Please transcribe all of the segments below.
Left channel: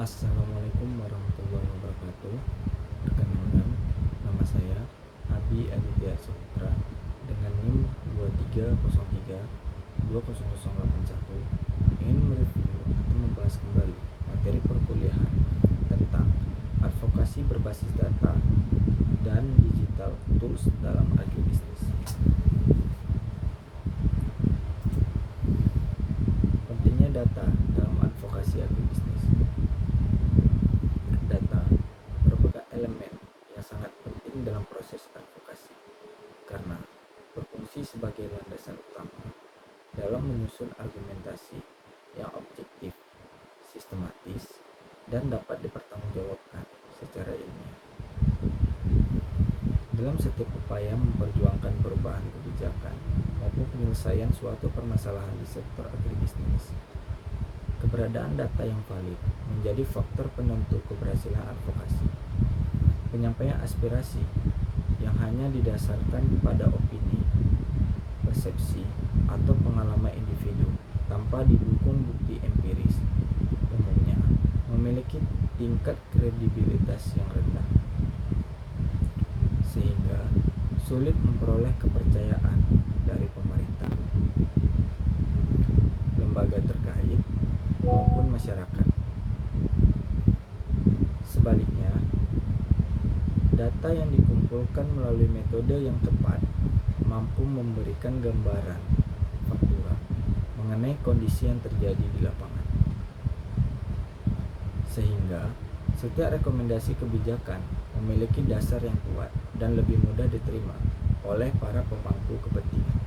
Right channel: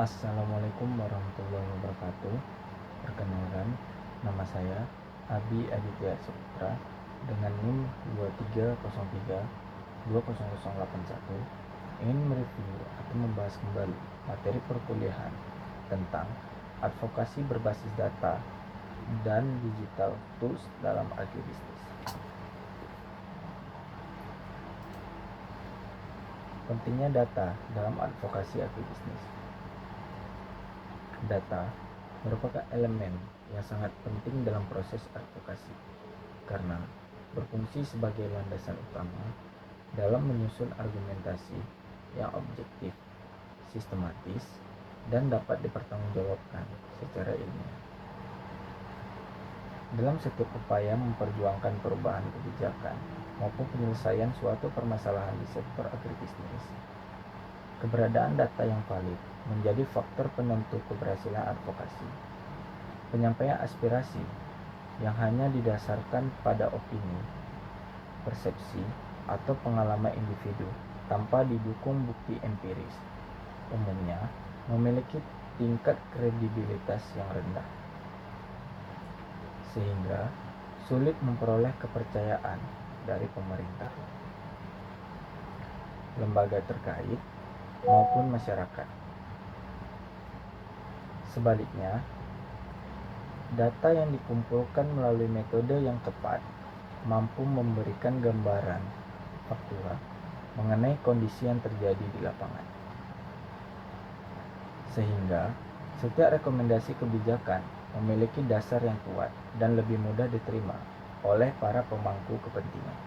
Assalamualaikum warahmatullahi wabarakatuh. Perkenalkan, nama saya Abi Aditya Saputra dengan NIM 2303-20081 ingin mereview atau membahas kembali materi perkuliahan tentang advokasi berbasis data dan digital tools dalam agribisnis. Pentingnya data dalam advokasi agribisnis. Data merupakan elemen yang sangat penting dalam proses advokasi karena berfungsi sebagai landasan utama dalam menyusun argumentasi yang objektif, sistematis, dan dapat dipertanggungjawabkan secara ilmiah. Dalam setiap upaya memperjuangkan perubahan kebijakan maupun penyelesaian suatu permasalahan di sektor agribisnis, keberadaan data yang valid menjadi faktor penentu keberhasilan advokasi. Penyampaian aspirasi yang hanya didasarkan pada opini, persepsi, atau pengalaman individu tanpa didukung bukti empiris umumnya memiliki tingkat kredibilitas yang rendah, sehingga sulit memperoleh kepercayaan dari pemerintah, lembaga terkait, maupun masyarakat. Sebaliknya, data yang dikumpulkan melalui metode yang tepat mampu memberikan gambaran faktual mengenai kondisi yang terjadi di lapangan, sehingga setiap rekomendasi kebijakan memiliki dasar yang kuat dan lebih mudah diterima oleh para pemangku kepentingan.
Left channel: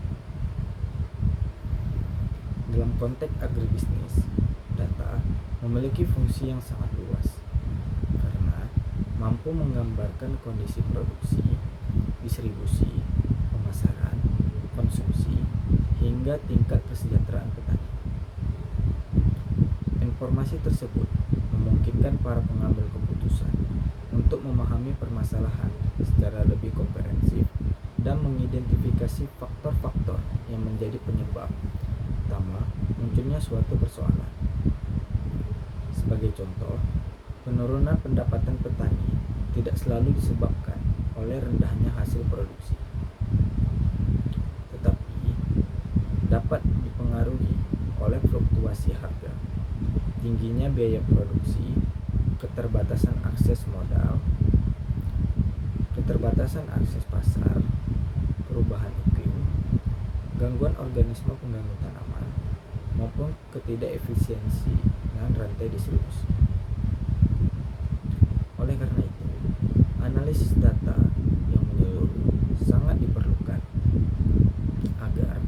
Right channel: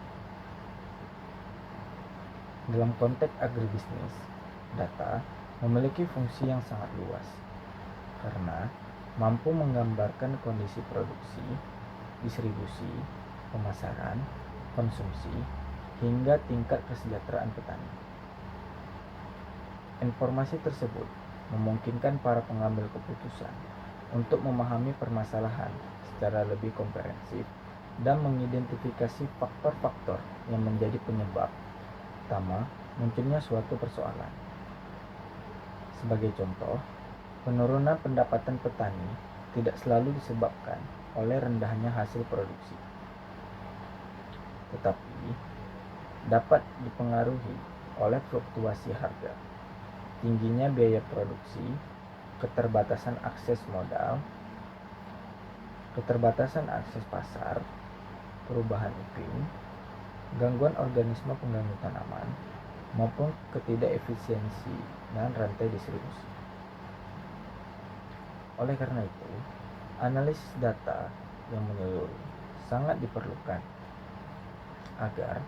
Dalam konteks agribisnis, data memiliki fungsi yang sangat luas karena mampu menggambarkan kondisi produksi, distribusi, pemasaran, konsumsi, hingga tingkat kesejahteraan petani. Informasi tersebut memungkinkan para pengambil keputusan untuk memahami permasalahan secara lebih komprehensif dan mengidentifikasi faktor-faktor yang menjadi penyebab utama munculnya suatu persoalan. Sebagai contoh, penurunan pendapatan petani tidak selalu disebabkan oleh rendahnya hasil produksi, tetapi dapat dipengaruhi oleh fluktuasi harga, tingginya biaya produksi, keterbatasan akses modal, keterbatasan akses pasar, perubahan iklim, gangguan organisme pengganggu tanaman, maupun ketidakefisiensi dan rantai distribusi. Oleh karena itu, analisis data yang menyeluruh sangat diperlukan agar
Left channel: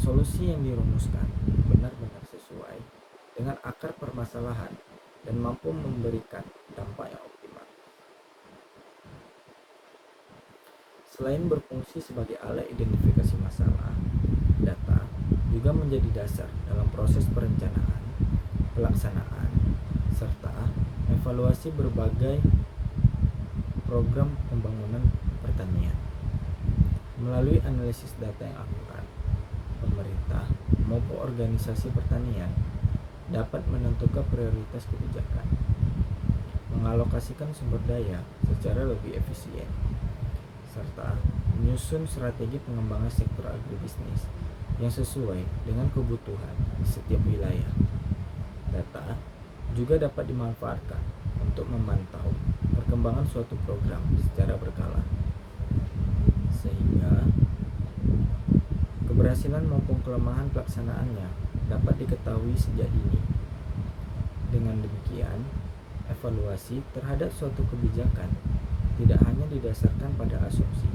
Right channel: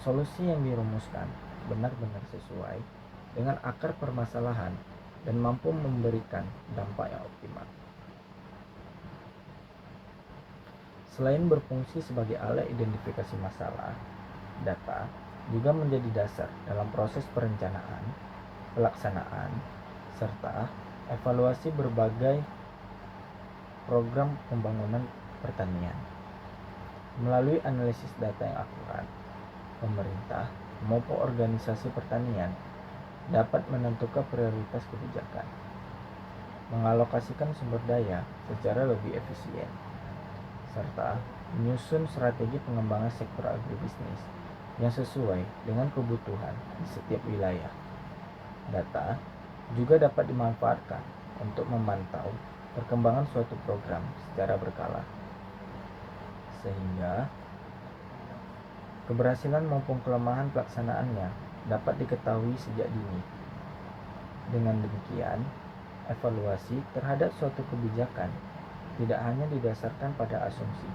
solusi yang dirumuskan benar-benar sesuai dengan akar permasalahan dan mampu memberikan dampak yang optimal. Selain berfungsi sebagai alat identifikasi masalah, data juga menjadi dasar dalam proses perencanaan, pelaksanaan, serta evaluasi berbagai program pembangunan pertanian. Melalui analisis data yang akurat, pemerintah maupun organisasi pertanian dapat menentukan prioritas kebijakan, mengalokasikan sumber daya secara lebih efisien, serta menyusun strategi pengembangan sektor agribisnis yang sesuai dengan kebutuhan di setiap wilayah. Data juga dapat dimanfaatkan untuk memantau perkembangan suatu program secara berkala, sehingga keberhasilan maupun kelemahan pelaksanaannya dapat diketahui sejak dini. Dengan demikian, evaluasi terhadap suatu kebijakan tidak hanya didasarkan pada asumsi,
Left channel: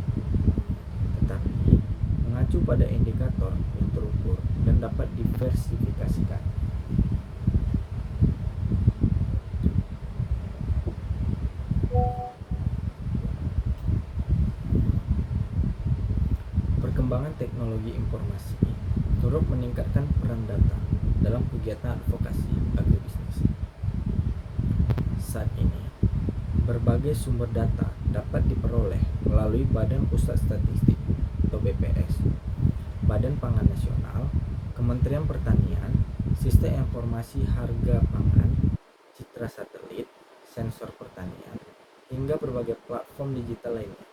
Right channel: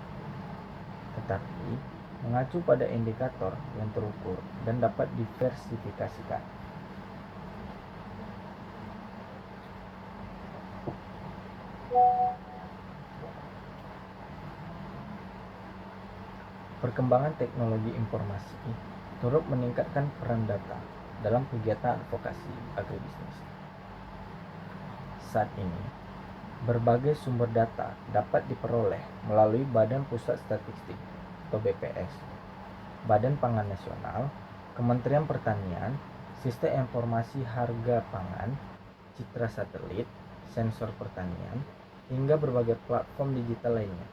tetapi mengacu pada indikator yang terukur dan dapat diversifikasikan. Perkembangan teknologi informasi turut meningkatkan peran data dalam kegiatan advokasi agribisnis. Saat ini, berbagai sumber data dapat diperoleh melalui Badan Pusat Statistik atau BPS, Badan Pangan Nasional, Kementerian Pertanian, Sistem Informasi Harga Pangan, citra satelit, sensor pertanian, hingga berbagai platform digital lainnya.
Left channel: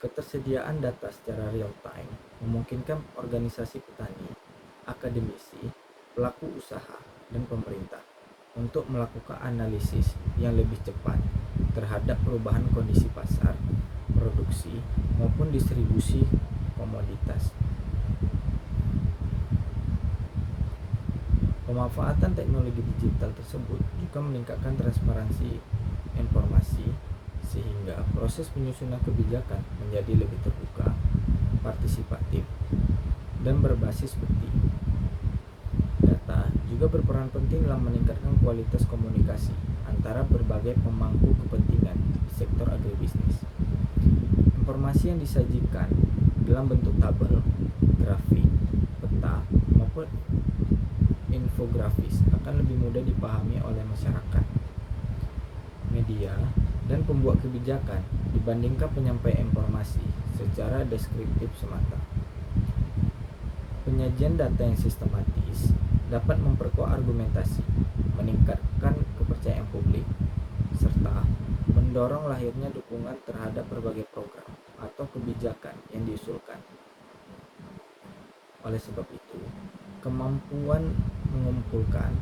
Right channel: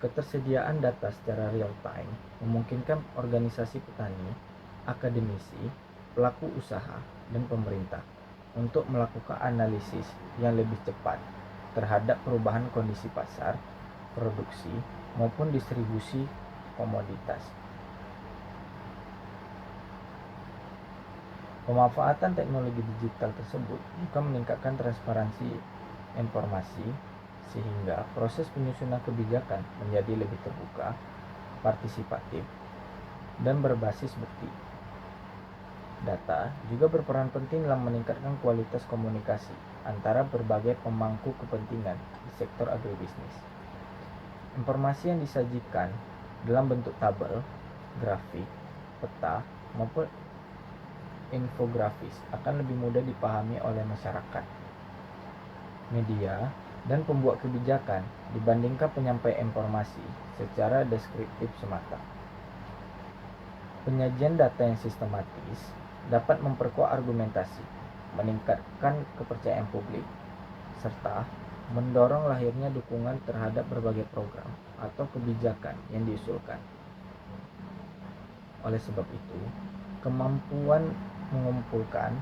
Ketersediaan data secara real time memungkinkan organisasi petani, akademisi, pelaku usaha, dan pemerintah untuk melakukan analisis yang lebih cepat terhadap perubahan kondisi pasar, produksi, maupun distribusi komoditas. Pemanfaatan teknologi digital tersebut juga meningkatkan transparansi informasi sehingga proses penyusunan kebijakan menjadi lebih terbuka, partisipatif, dan berbasis bukti. Data juga berperan penting dalam meningkatkan kualitas komunikasi antara berbagai pemangku kepentingan di sektor agribisnis. Informasi yang disajikan dalam bentuk tabel, grafik, peta, maupun infografis akan lebih mudah dipahami oleh masyarakat, media, dan pembuat kebijakan dibandingkan penyampaian informasi secara deskriptif semata. Penyajian data yang sistematis dapat memperkuat argumentasi, meningkatkan kepercayaan publik, serta mendorong lahirnya dukungan terhadap berbagai program atau kebijakan yang diusulkan. Oleh sebab itu, kemampuan mengumpulkan,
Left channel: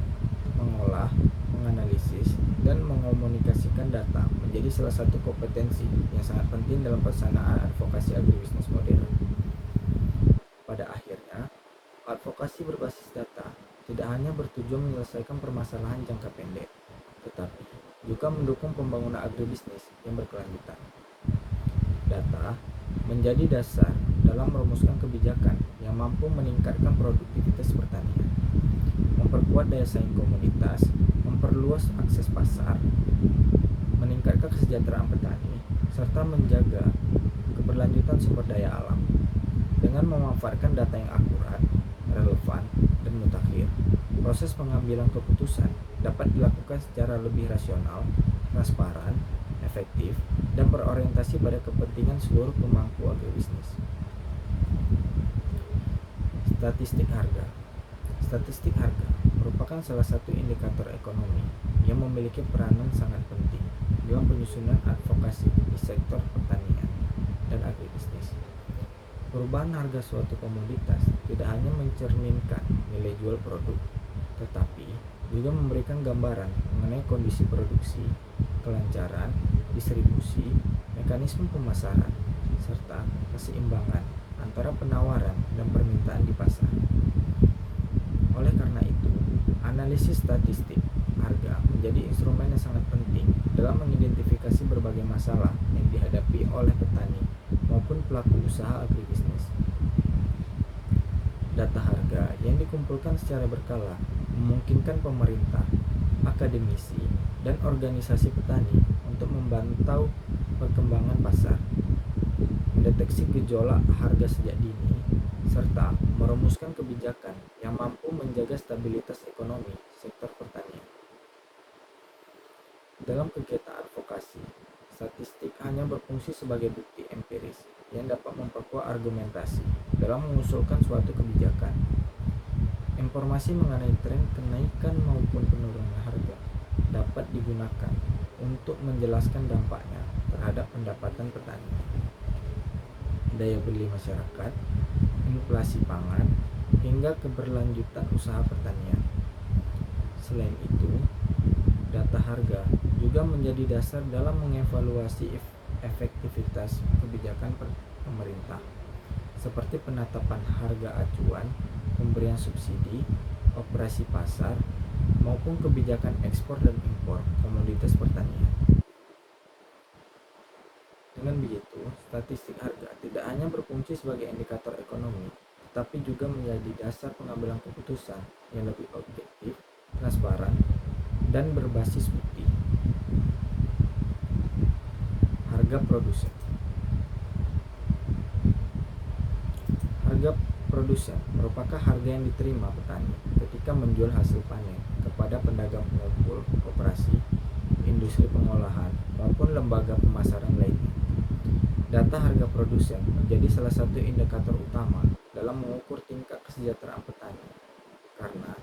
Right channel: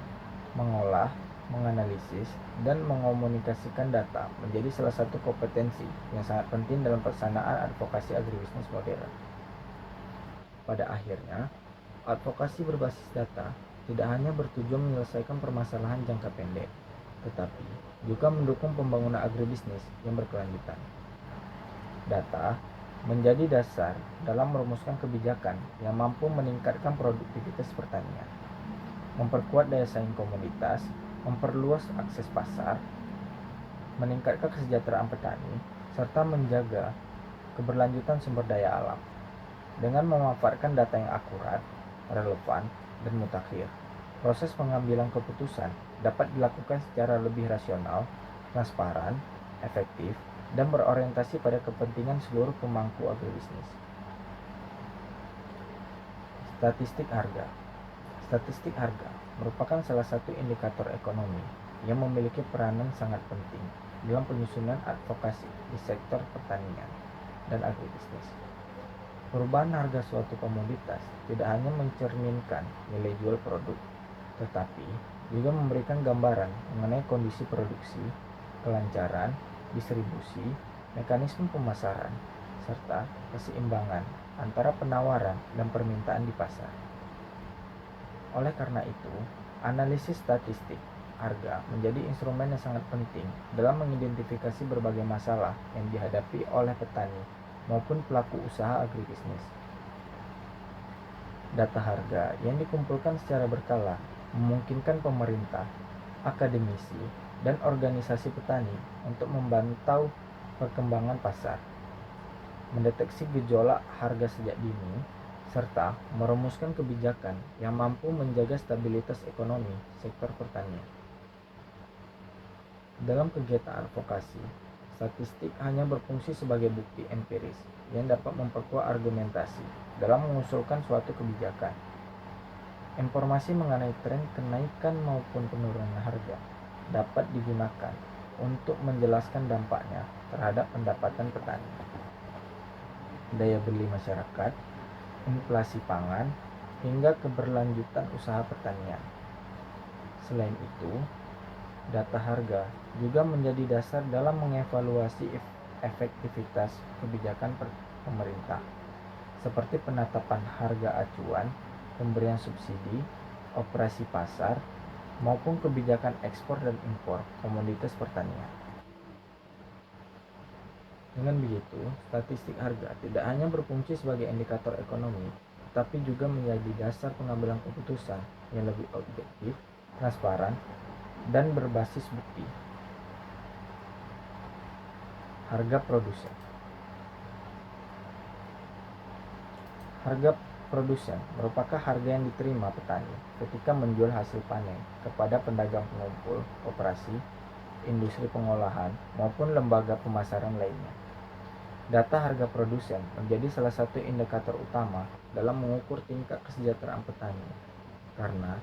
mengolah, menganalisis, dan mengomunikasikan data menjadi salah satu kompetensi yang sangat penting dalam pelaksanaan advokasi agribisnis modern. Pada akhirnya, advokasi berbasis data tidak hanya bertujuan menyelesaikan permasalahan jangka pendek, tetapi juga mendukung pembangunan agribisnis yang berkelanjutan. Data menjadi dasar dalam merumuskan kebijakan yang mampu meningkatkan produktivitas pertanian, memperkuat daya saing komunitas, memperluas akses pasar, meningkatkan kesejahteraan petani, serta menjaga keberlanjutan sumber daya alam. Dengan memanfaatkan data yang akurat, relevan, dan mutakhir, proses pengambilan keputusan dapat dilakukan secara lebih rasional, transparan, efektif, dan berorientasi pada kepentingan seluruh pemangku agribisnis. Statistik harga. Statistik harga merupakan salah satu indikator ekonomi yang memiliki peranan sangat penting dalam penyusunan advokasi di sektor pertanian dan agribisnis. Perubahan harga suatu komoditas tidak hanya mencerminkan nilai jual produk, tetapi juga memberikan gambaran mengenai kondisi produksi, kelancaran, distribusi, mekanisme pemasaran, serta keseimbangan antara penawaran dan permintaan di pasar. Oleh karena itu, analisis statistik harga menjadi instrumen yang sangat penting dalam mengidentifikasi berbagai masalah yang dihadapi oleh petani maupun pelaku usaha agribisnis. Data harga yang dikumpulkan secara berkala memungkinkan pemerintah, akademisi, dan organisasi petani untuk memantau perkembangan pasar, mendeteksi gejolak harga sejak dini, serta merumuskan kebijakan yang mampu menjaga stabilitas ekonomi sektor pertanian. Dalam kegiatan advokasi, statistik hanya berfungsi sebagai bukti empiris yang dapat memperkuat argumentasi dalam mengusulkan suatu kebijakan. Informasi mengenai tren kenaikan maupun penurunan harga dapat digunakan untuk menjelaskan dampaknya terhadap pendapatan petani, daya beli masyarakat, inflasi pangan, hingga keberlanjutan usaha pertanian. Selain itu, data harga juga menjadi dasar dalam mengevaluasi efektivitas kebijakan pemerintah, seperti penetapan harga acuan, pemberian subsidi, operasi pasar, maupun kebijakan ekspor dan impor komoditas pertanian. Dengan begitu, statistik harga tidak hanya berfungsi sebagai indikator ekonomi, tetapi juga menjadi dasar pengambilan keputusan yang lebih objektif, transparan, dan berbasis bukti. Harga produsen. Harga produsen merupakan harga yang diterima petani ketika menjual hasil panen kepada pedagang pengumpul, koperasi, industri pengolahan, maupun lembaga pemasaran lainnya. Data harga produsen menjadi salah satu indikator utama dalam mengukur tingkat kesejahteraan petani, karena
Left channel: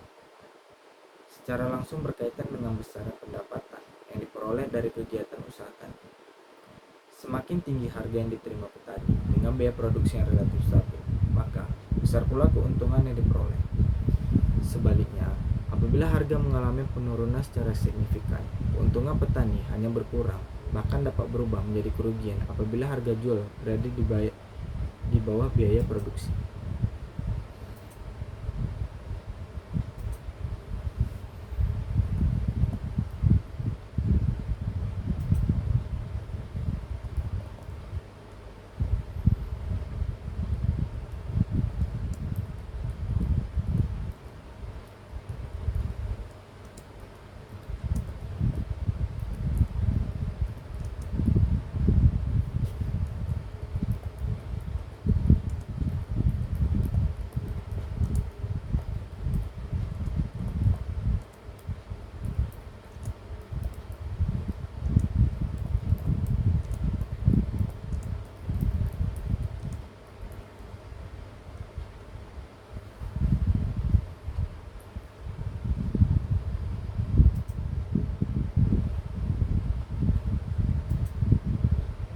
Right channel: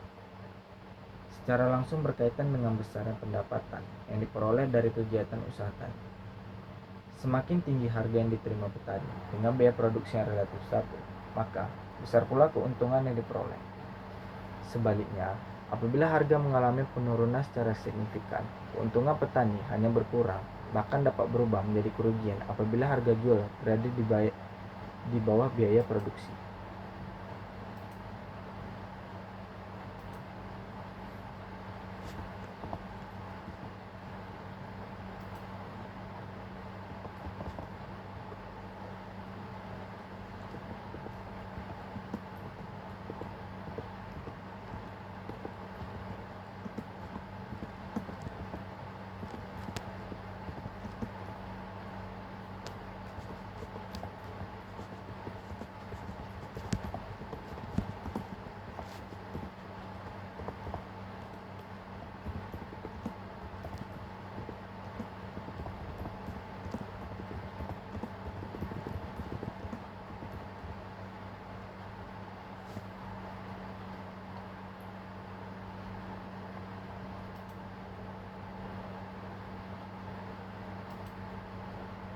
secara langsung berkaitan dengan besarnya pendapatan yang diperoleh dari kegiatan usaha tani. Semakin tinggi harga yang diterima petani dengan biaya produksi yang relatif stabil, maka besar pula keuntungan yang diperoleh. Sebaliknya, apabila harga mengalami penurunan secara signifikan, keuntungan petani hanya berkurang, bahkan dapat berubah menjadi kerugian apabila harga jual berada di bawah biaya produksi.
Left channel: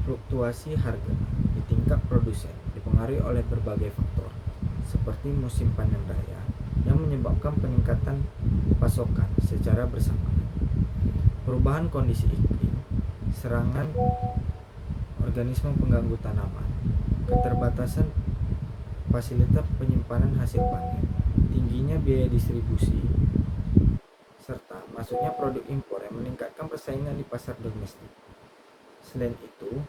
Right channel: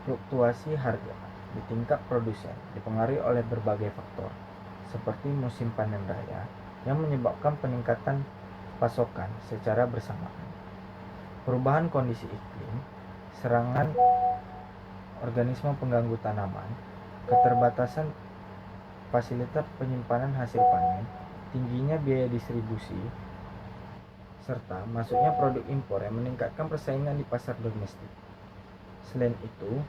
Fluktuasi harga di tingkat produsen dipengaruhi oleh berbagai faktor, seperti musim panen raya yang menyebabkan peningkatan pasokan secara bersamaan, perubahan kondisi iklim, serangan organisme pengganggu tanaman, keterbatasan fasilitas penyimpanan hasil panen, tingginya biaya distribusi, serta masuknya produk impor yang meningkatkan persaingan di pasar domestik. Selain itu,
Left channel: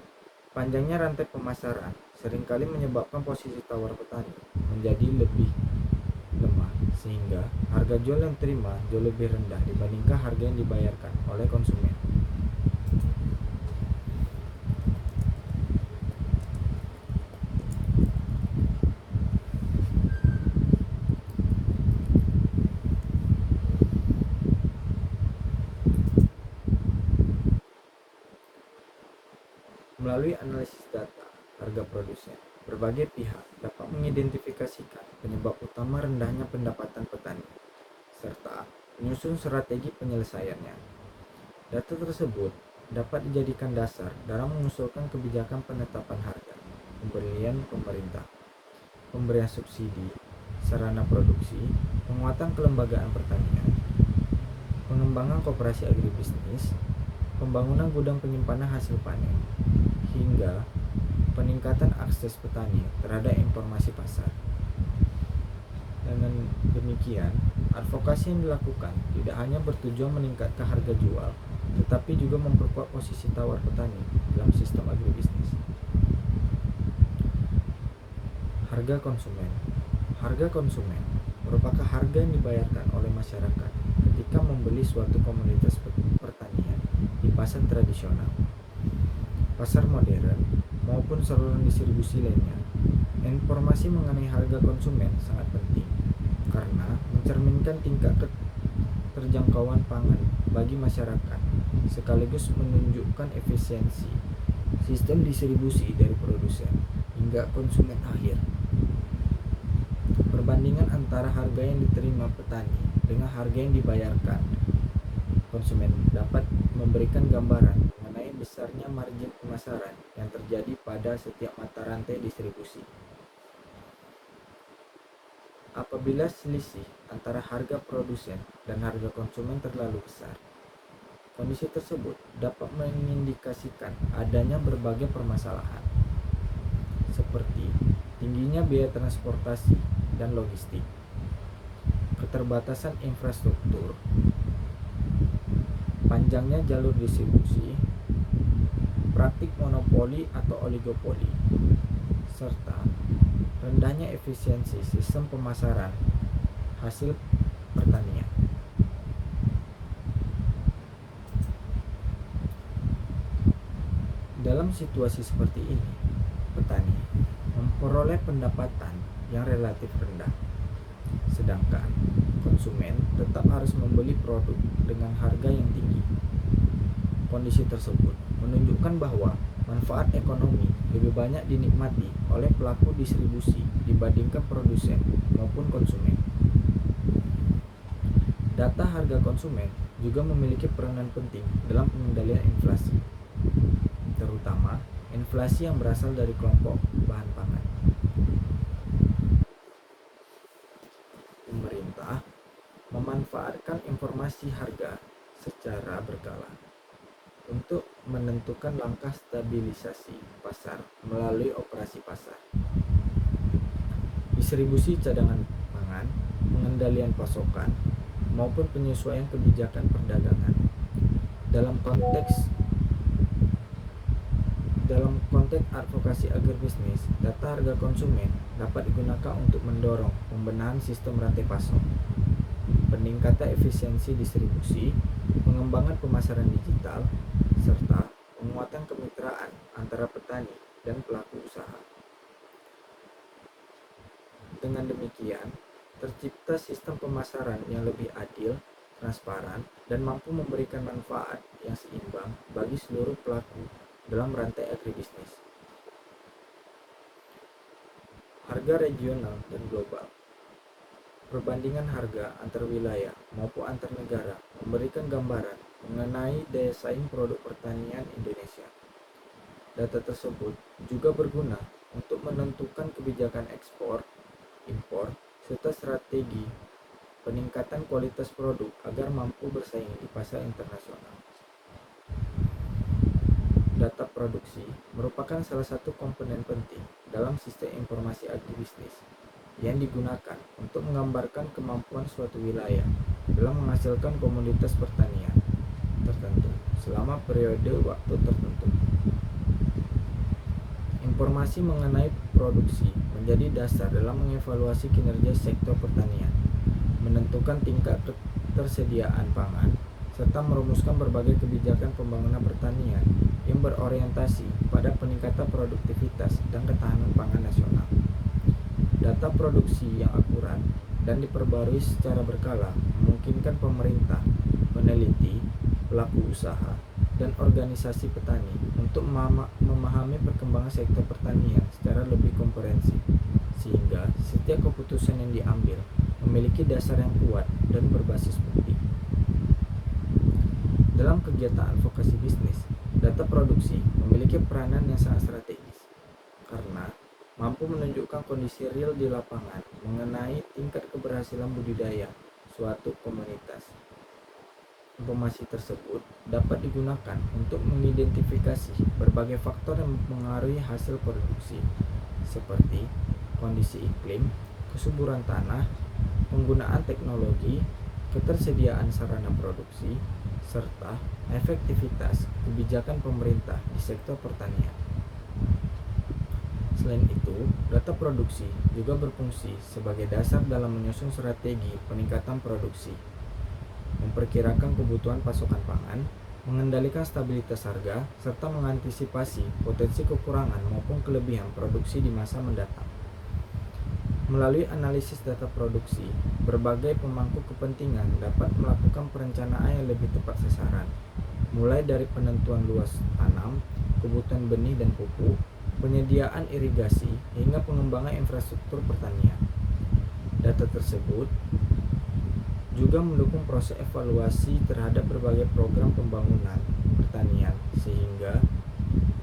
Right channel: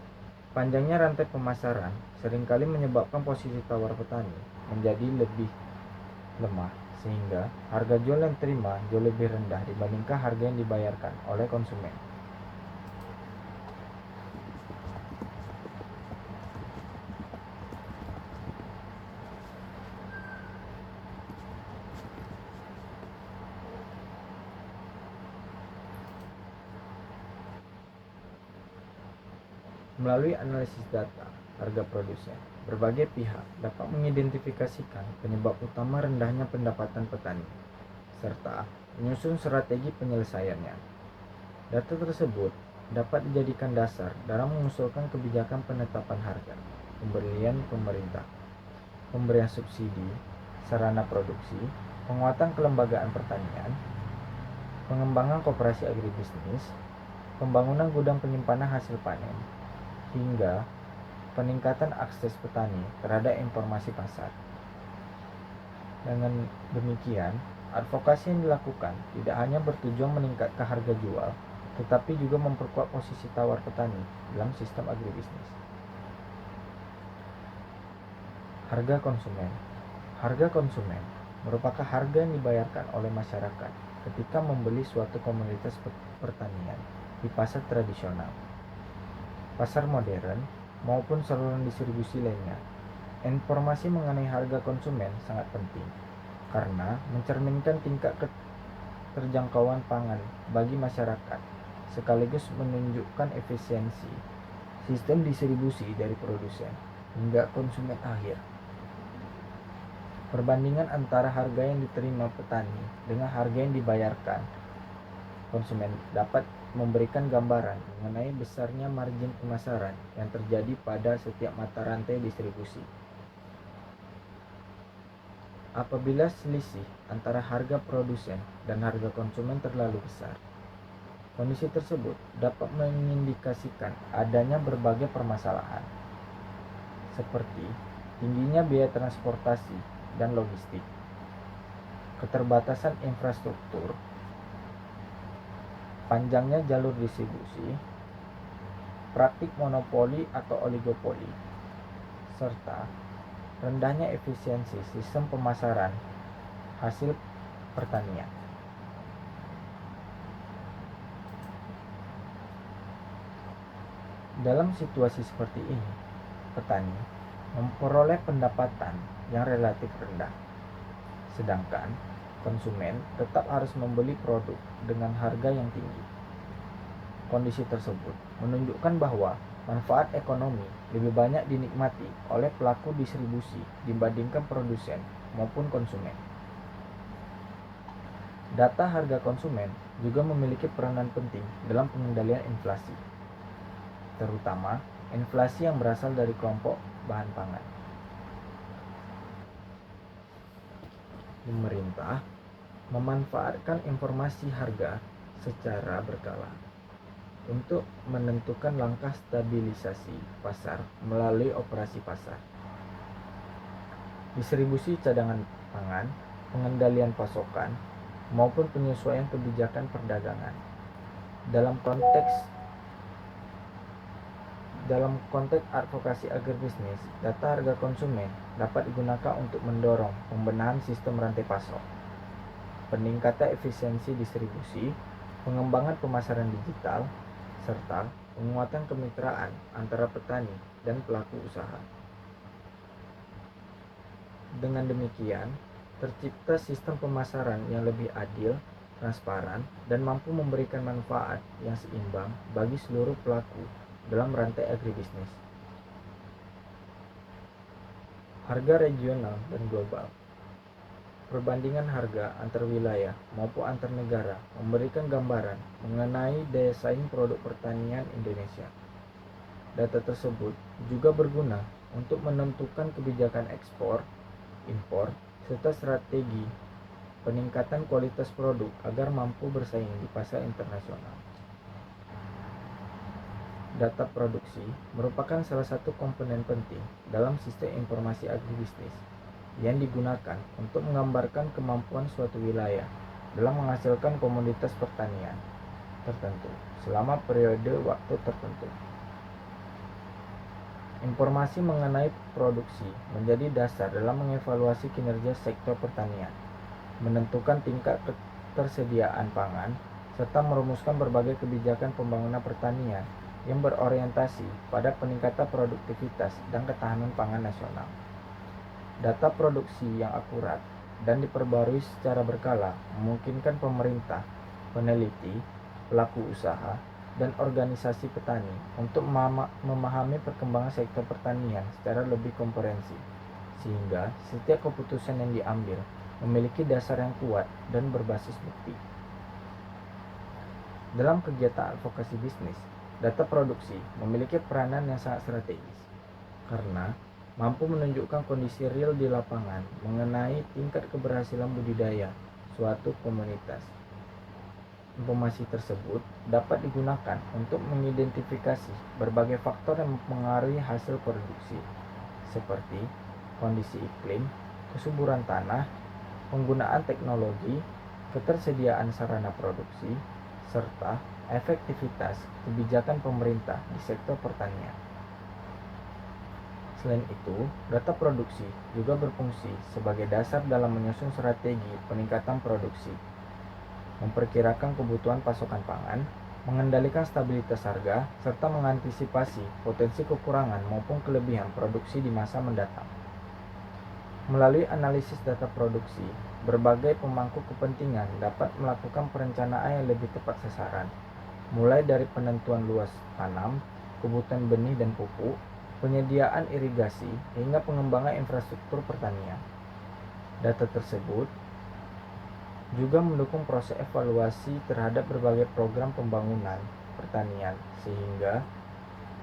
panjangnya rantai pemasaran seringkali menyebabkan posisi tawar petani menjadi lebih lemah, sehingga harga jual yang diterima jauh lebih rendah dibandingkan harga yang dibayarkan oleh konsumen. Melalui analisis data harga produsen, berbagai pihak dapat mengidentifikasikan penyebab utama rendahnya pendapatan petani, serta menyusun strategi penyelesaiannya. Data tersebut dapat dijadikan dasar dalam mengusulkan kebijakan penetapan harga, pemberian pemerintah, pemberian subsidi, sarana produksi, penguatan kelembagaan pertanian, pengembangan koperasi agribisnis, pembangunan gudang penyimpanan hasil panen, hingga peningkatan akses petani terhadap informasi pasar. Dengan demikian, advokasi yang dilakukan tidak hanya bertujuan meningkatkan harga jual, tetapi juga memperkuat posisi tawar petani dalam sistem agribisnis. Harga konsumen. Harga konsumen merupakan harga yang dibayarkan oleh masyarakat ketika membeli suatu komoditas pertanian di pasar tradisional, pasar modern, maupun saluran distribusi lainnya. Informasi mengenai harga konsumen sangat penting karena mencerminkan tingkat keterjangkauan pangan bagi masyarakat, sekaligus menunjukkan efisiensi sistem distribusi dari produsen hingga konsumen akhir. Perbandingan antara harga yang diterima petani dengan harga yang dibayarkan konsumen dapat memberikan gambaran mengenai besarnya margin pemasaran yang terjadi pada setiap mata rantai distribusi. Apabila selisih antara harga produsen dan harga konsumen terlalu besar, kondisi tersebut dapat mengindikasikan adanya berbagai permasalahan, seperti tingginya biaya transportasi dan logistik, keterbatasan infrastruktur, panjangnya jalur distribusi, praktik monopoli atau oligopoli, serta rendahnya efisiensi sistem pemasaran hasil pertanian. Dalam situasi seperti ini, petani memperoleh pendapatan yang relatif rendah, sedangkan konsumen tetap harus membeli produk dengan harga yang tinggi. Kondisi tersebut menunjukkan bahwa manfaat ekonomi lebih banyak dinikmati oleh pelaku distribusi dibandingkan produsen maupun konsumen. Data harga konsumen juga memiliki peranan penting dalam pengendalian inflasi, terutama inflasi yang berasal dari kelompok bahan pangan. Pemerintah memanfaatkan informasi harga secara berkala untuk menentukan langkah stabilisasi pasar melalui operasi pasar, distribusi cadangan pangan, pengendalian pasokan, maupun penyesuaian kebijakan perdagangan. Dalam konteks advokasi agribisnis, data harga konsumen dapat digunakan untuk mendorong pembenahan sistem rantai pasok, peningkatan efisiensi distribusi, pengembangan pemasaran digital, serta penguatan kemitraan antara petani dan pelaku usaha. Dengan demikian, tercipta sistem pemasaran yang lebih adil, transparan, dan mampu memberikan manfaat yang seimbang bagi seluruh pelaku dalam rantai agribisnis. Harga regional dan global. Perbandingan harga antar wilayah maupun antar negara memberikan gambaran mengenai daya saing produk pertanian Indonesia. Data tersebut juga berguna untuk menentukan kebijakan ekspor, impor, serta strategi peningkatan kualitas produk agar mampu bersaing di pasar internasional. Data produksi merupakan salah satu komponen penting dalam sistem informasi agribisnis yang digunakan untuk menggambarkan kemampuan suatu wilayah dalam menghasilkan komoditas pertanian tertentu selama periode waktu tertentu. Informasi mengenai produksi menjadi dasar dalam mengevaluasi kinerja sektor pertanian, menentukan tingkat ketersediaan pangan, serta merumuskan berbagai kebijakan pembangunan pertanian yang berorientasi pada peningkatan produktivitas dan ketahanan pangan nasional. Data produksi yang akurat dan diperbarui secara berkala memungkinkan pemerintah, peneliti, pelaku usaha, dan organisasi petani untuk memahami perkembangan sektor pertanian secara lebih komprehensif, sehingga setiap keputusan yang diambil memiliki dasar yang kuat dan berbasis bukti. Dalam kegiatan advokasi bisnis, data produksi memiliki peranan yang sangat strategis karena mampu menunjukkan kondisi real di lapangan mengenai tingkat keberhasilan budidaya suatu komunitas. Informasi tersebut dapat digunakan untuk mengidentifikasi berbagai faktor yang mempengaruhi hasil produksi, seperti kondisi iklim, kesuburan tanah, penggunaan teknologi, ketersediaan sarana produksi, serta efektivitas kebijakan pemerintah di sektor pertanian. Selain itu, data produksi juga berfungsi sebagai dasar dalam menyusun strategi peningkatan produksi, memperkirakan kebutuhan pasokan pangan, mengendalikan stabilitas harga, serta mengantisipasi potensi kekurangan maupun kelebihan produksi di masa mendatang. Melalui analisis data produksi, berbagai pemangku kepentingan dapat melakukan perencanaan yang lebih tepat sasaran, mulai dari penentuan luas tanam, kebutuhan benih dan pupuk, penyediaan irigasi, hingga pengembangan infrastruktur pertanian. Data tersebut juga mendukung proses evaluasi terhadap berbagai program pembangunan pertanian, sehingga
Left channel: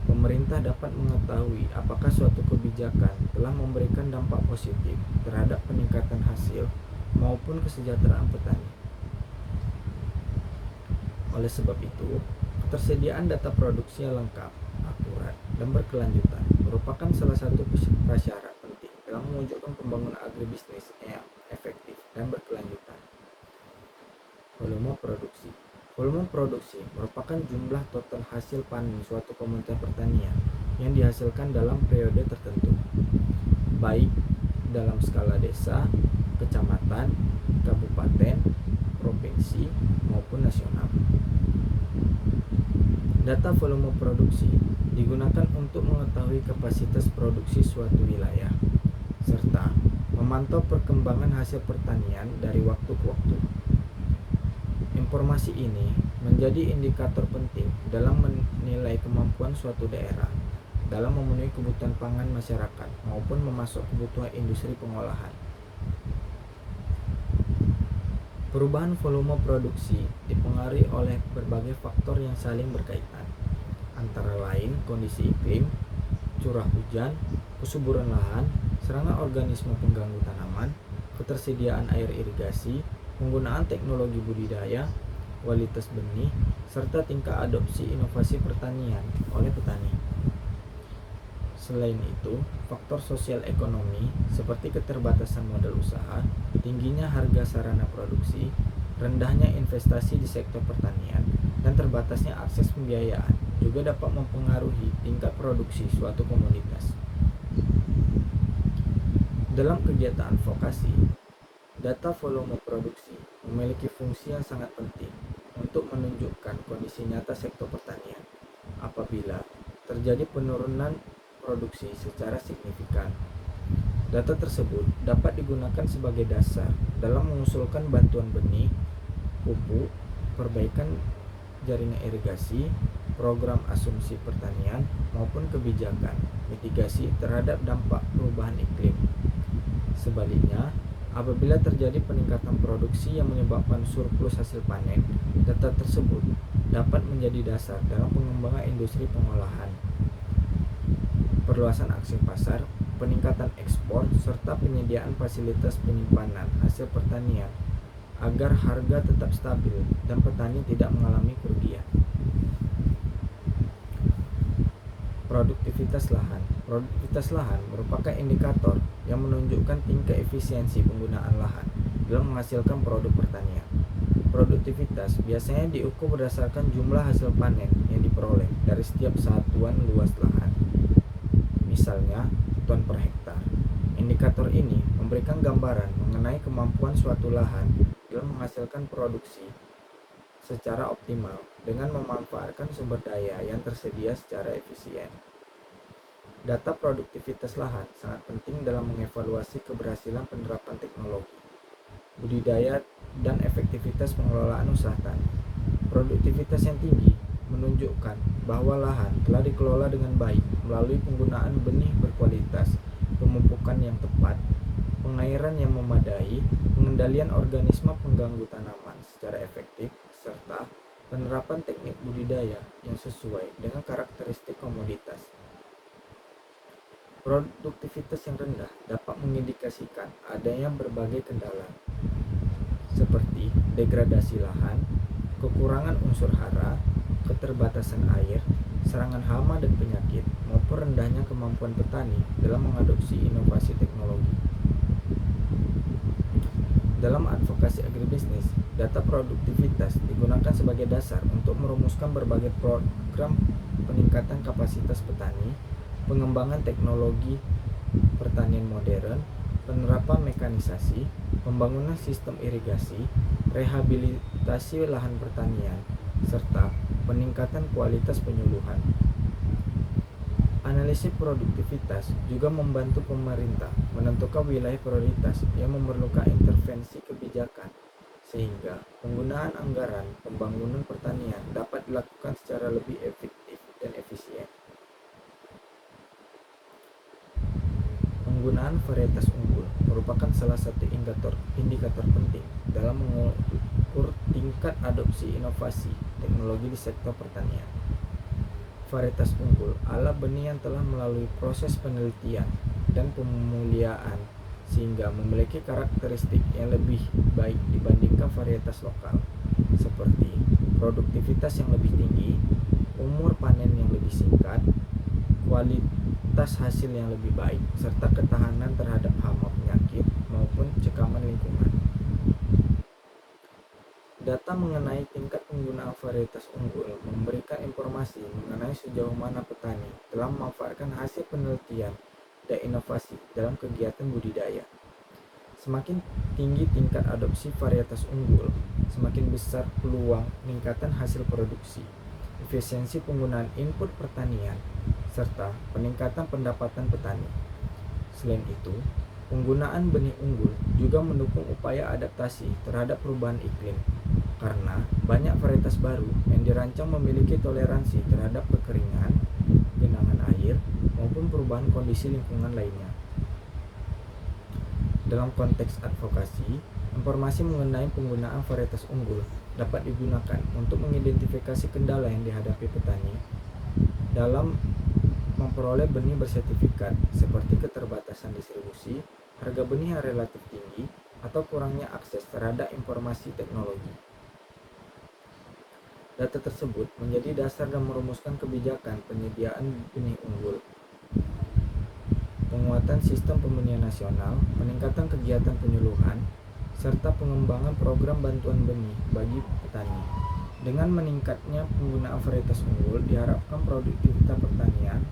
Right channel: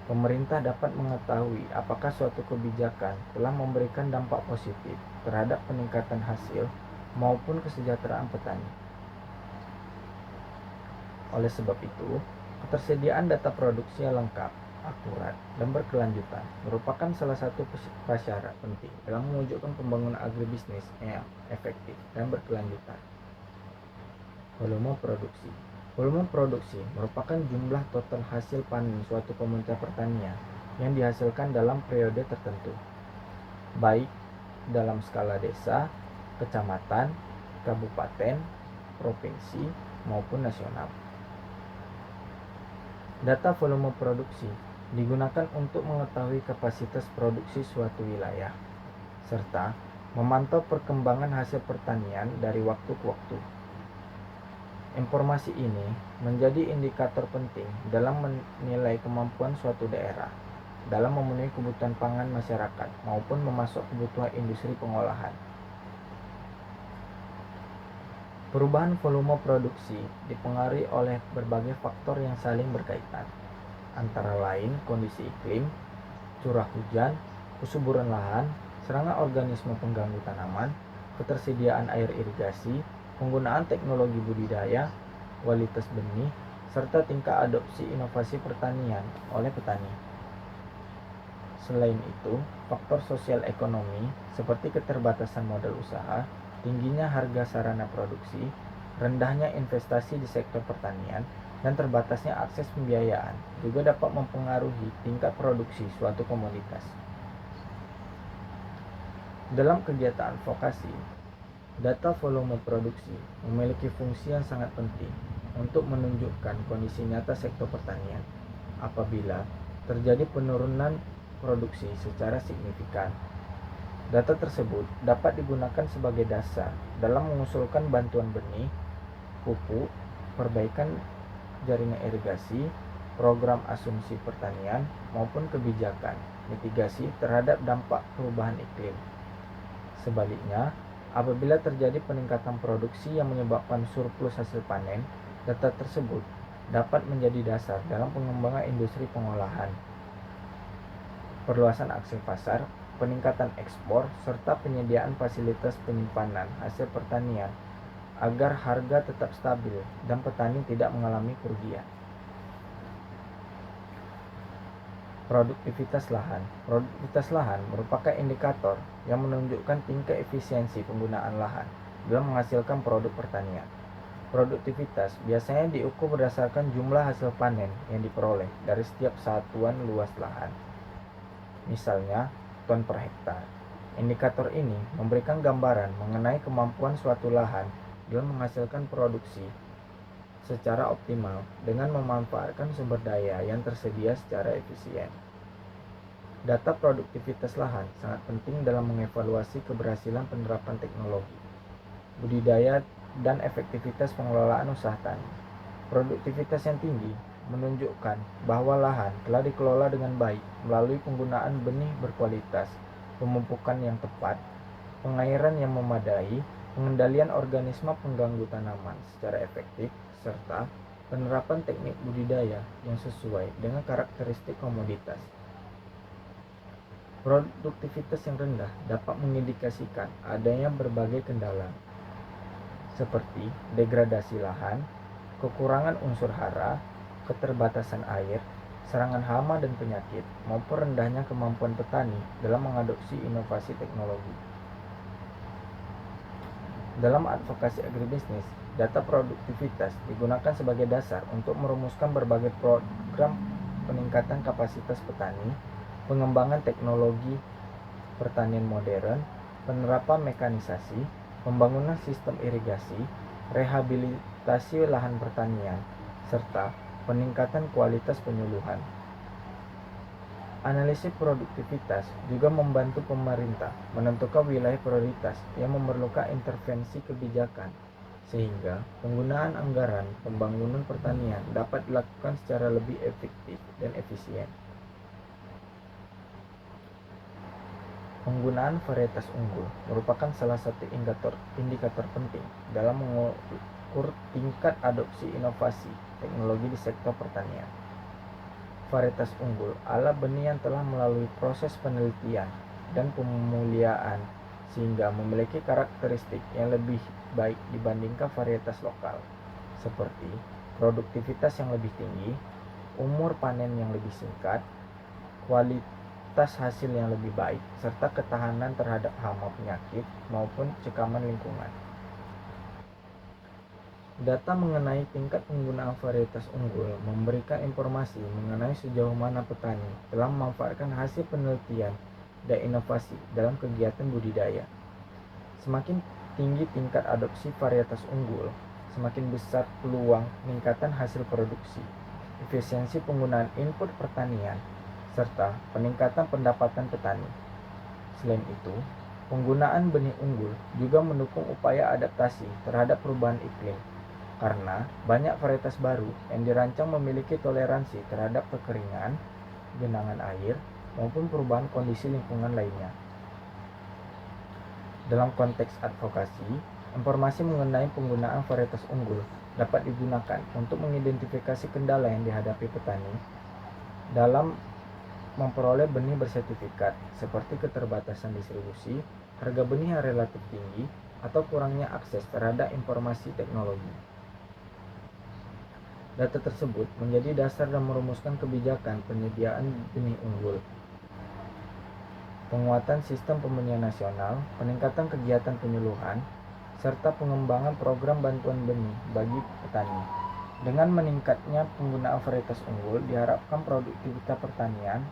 pemerintah dapat mengetahui apakah suatu kebijakan telah memberikan dampak positif terhadap peningkatan hasil maupun kesejahteraan petani. Oleh sebab itu, ketersediaan data produksi yang lengkap, akurat, dan berkelanjutan merupakan salah satu prasyarat penting dalam mewujudkan pembangunan agribisnis yang efektif dan berkelanjutan. Volume produksi. Volume produksi merupakan jumlah total hasil panen suatu komunitas pertanian yang dihasilkan dalam periode tertentu, baik dalam skala desa, kecamatan, kabupaten, provinsi, maupun nasional. Data volume produksi digunakan untuk mengetahui kapasitas produksi suatu wilayah, serta memantau perkembangan hasil pertanian dari waktu ke waktu. Informasi ini menjadi indikator penting dalam menilai kemampuan suatu daerah dalam memenuhi kebutuhan pangan masyarakat maupun memasok kebutuhan industri pengolahan. Perubahan volume produksi dipengaruhi oleh berbagai faktor yang saling berkaitan, antara lain kondisi iklim, curah hujan, kesuburan lahan, serangan organisme pengganggu tanaman, ketersediaan air irigasi, penggunaan teknologi budidaya, kualitas benih, serta tingkat adopsi inovasi pertanian oleh petani. Selain itu, faktor sosial ekonomi seperti keterbatasan modal usaha, tingginya harga sarana produksi, rendahnya investasi di sektor pertanian, dan terbatasnya akses pembiayaan juga dapat mempengaruhi tingkat produksi suatu komoditas. Dalam kegiatan advokasi, data volume produksi memiliki fungsi yang sangat penting untuk menunjukkan kondisi nyata sektor pertanian. Apabila terjadi penurunan produksi secara signifikan, data tersebut dapat digunakan sebagai dasar dalam mengusulkan bantuan benih, pupuk, perbaikan jaringan irigasi, program asumsi pertanian, maupun kebijakan mitigasi terhadap dampak perubahan iklim. Sebaliknya, apabila terjadi peningkatan produksi yang menyebabkan surplus hasil panen, data tersebut dapat menjadi dasar dalam pengembangan industri pengolahan, perluasan akses pasar, peningkatan ekspor, serta penyediaan fasilitas penyimpanan hasil pertanian agar harga tetap stabil dan petani tidak mengalami kerugian. Produktivitas lahan. Produktivitas lahan merupakan indikator yang menunjukkan tingkat efisiensi penggunaan lahan dalam menghasilkan produk pertanian. Produktivitas biasanya diukur berdasarkan jumlah hasil panen yang diperoleh dari setiap satuan luas lahan. Misalnya, ton per hektar. Indikator ini memberikan gambaran mengenai kemampuan suatu lahan dalam menghasilkan produksi secara optimal dengan memanfaatkan sumber daya yang tersedia secara efisien. Data produktivitas lahan sangat penting dalam mengevaluasi keberhasilan penerapan teknologi, budidaya, dan efektivitas pengelolaan usaha tani. Produktivitas yang tinggi menunjukkan bahwa lahan telah dikelola dengan baik melalui penggunaan benih berkualitas, pemupukan yang tepat, pengairan yang memadai, pengendalian organisme pengganggu tanaman secara efektif, serta penerapan teknik budidaya yang sesuai dengan karakteristik komoditas. Produktivitas yang rendah dapat mengindikasikan adanya berbagai kendala, seperti degradasi lahan, kekurangan unsur hara, keterbatasan air, serangan hama dan penyakit, maupun rendahnya kemampuan petani dalam mengadopsi inovasi teknologi. Dalam advokasi agribisnis, data produktivitas digunakan sebagai dasar untuk merumuskan berbagai program peningkatan kapasitas petani, pengembangan teknologi pertanian modern, penerapan mekanisasi, pembangunan sistem irigasi, rehabilitasi lahan pertanian, serta peningkatan kualitas penyuluhan. Analisis produktivitas juga membantu pemerintah menentukan wilayah prioritas yang memerlukan intervensi kebijakan, sehingga penggunaan anggaran pembangunan pertanian dapat dilakukan secara lebih efektif dan efisien. Penggunaan varietas unggul merupakan salah satu indikator penting dalam mengukur tingkat adopsi inovasi teknologi di sektor pertanian. Varietas unggul adalah benih yang telah melalui proses penelitian dan pemuliaan sehingga memiliki karakteristik yang lebih baik dibandingkan varietas lokal, seperti produktivitas yang lebih tinggi, umur panen yang lebih singkat, kualitas hasil yang lebih baik, serta ketahanan terhadap hama penyakit maupun cekaman lingkungan. Data mengenai tingkat penggunaan varietas unggul memberikan informasi mengenai sejauh mana petani telah memanfaatkan hasil penelitian dan inovasi dalam kegiatan budidaya. Semakin tinggi tingkat adopsi varietas unggul, semakin besar peluang peningkatan hasil produksi, efisiensi penggunaan input pertanian, serta peningkatan pendapatan petani. Selain itu, penggunaan benih unggul juga mendukung upaya adaptasi terhadap perubahan iklim, karena banyak varietas baru yang dirancang memiliki toleransi terhadap kekeringan, genangan air, maupun perubahan kondisi lingkungan lainnya. Dalam konteks advokasi, Informasi mengenai penggunaan varietas unggul dapat digunakan untuk mengidentifikasi kendala yang dihadapi petani dalam memperoleh benih bersertifikat, seperti keterbatasan distribusi, harga benih yang relatif tinggi, atau kurangnya akses terhadap informasi teknologi. Data tersebut menjadi dasar dalam merumuskan kebijakan penyediaan benih unggul, penguatan sistem pembenihan nasional, peningkatan kegiatan penyuluhan, serta pengembangan program bantuan benih bagi petani. Dengan meningkatnya penggunaan varietas unggul, diharapkan produktivitas pertanian,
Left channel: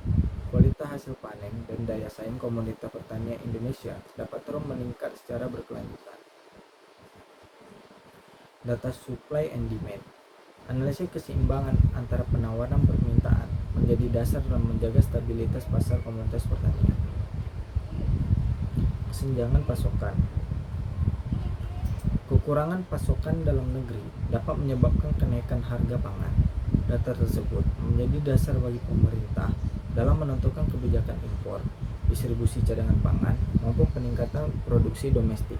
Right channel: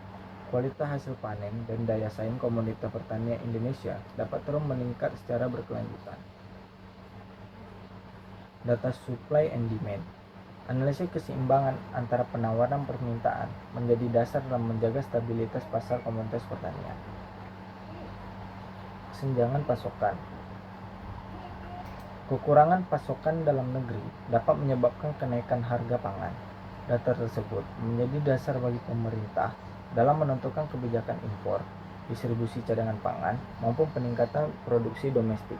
kualitas hasil panen, dan daya saing komoditas pertanian Indonesia dapat terus meningkat secara berkelanjutan. Data supply and demand. Analisis keseimbangan antara penawaran dan permintaan menjadi dasar dalam menjaga stabilitas pasar komoditas pertanian. Kesenjangan pasokan. Kekurangan pasokan dalam negeri dapat menyebabkan kenaikan harga pangan. Data tersebut menjadi dasar bagi pemerintah dalam menentukan kebijakan impor, distribusi cadangan pangan, maupun peningkatan produksi domestik.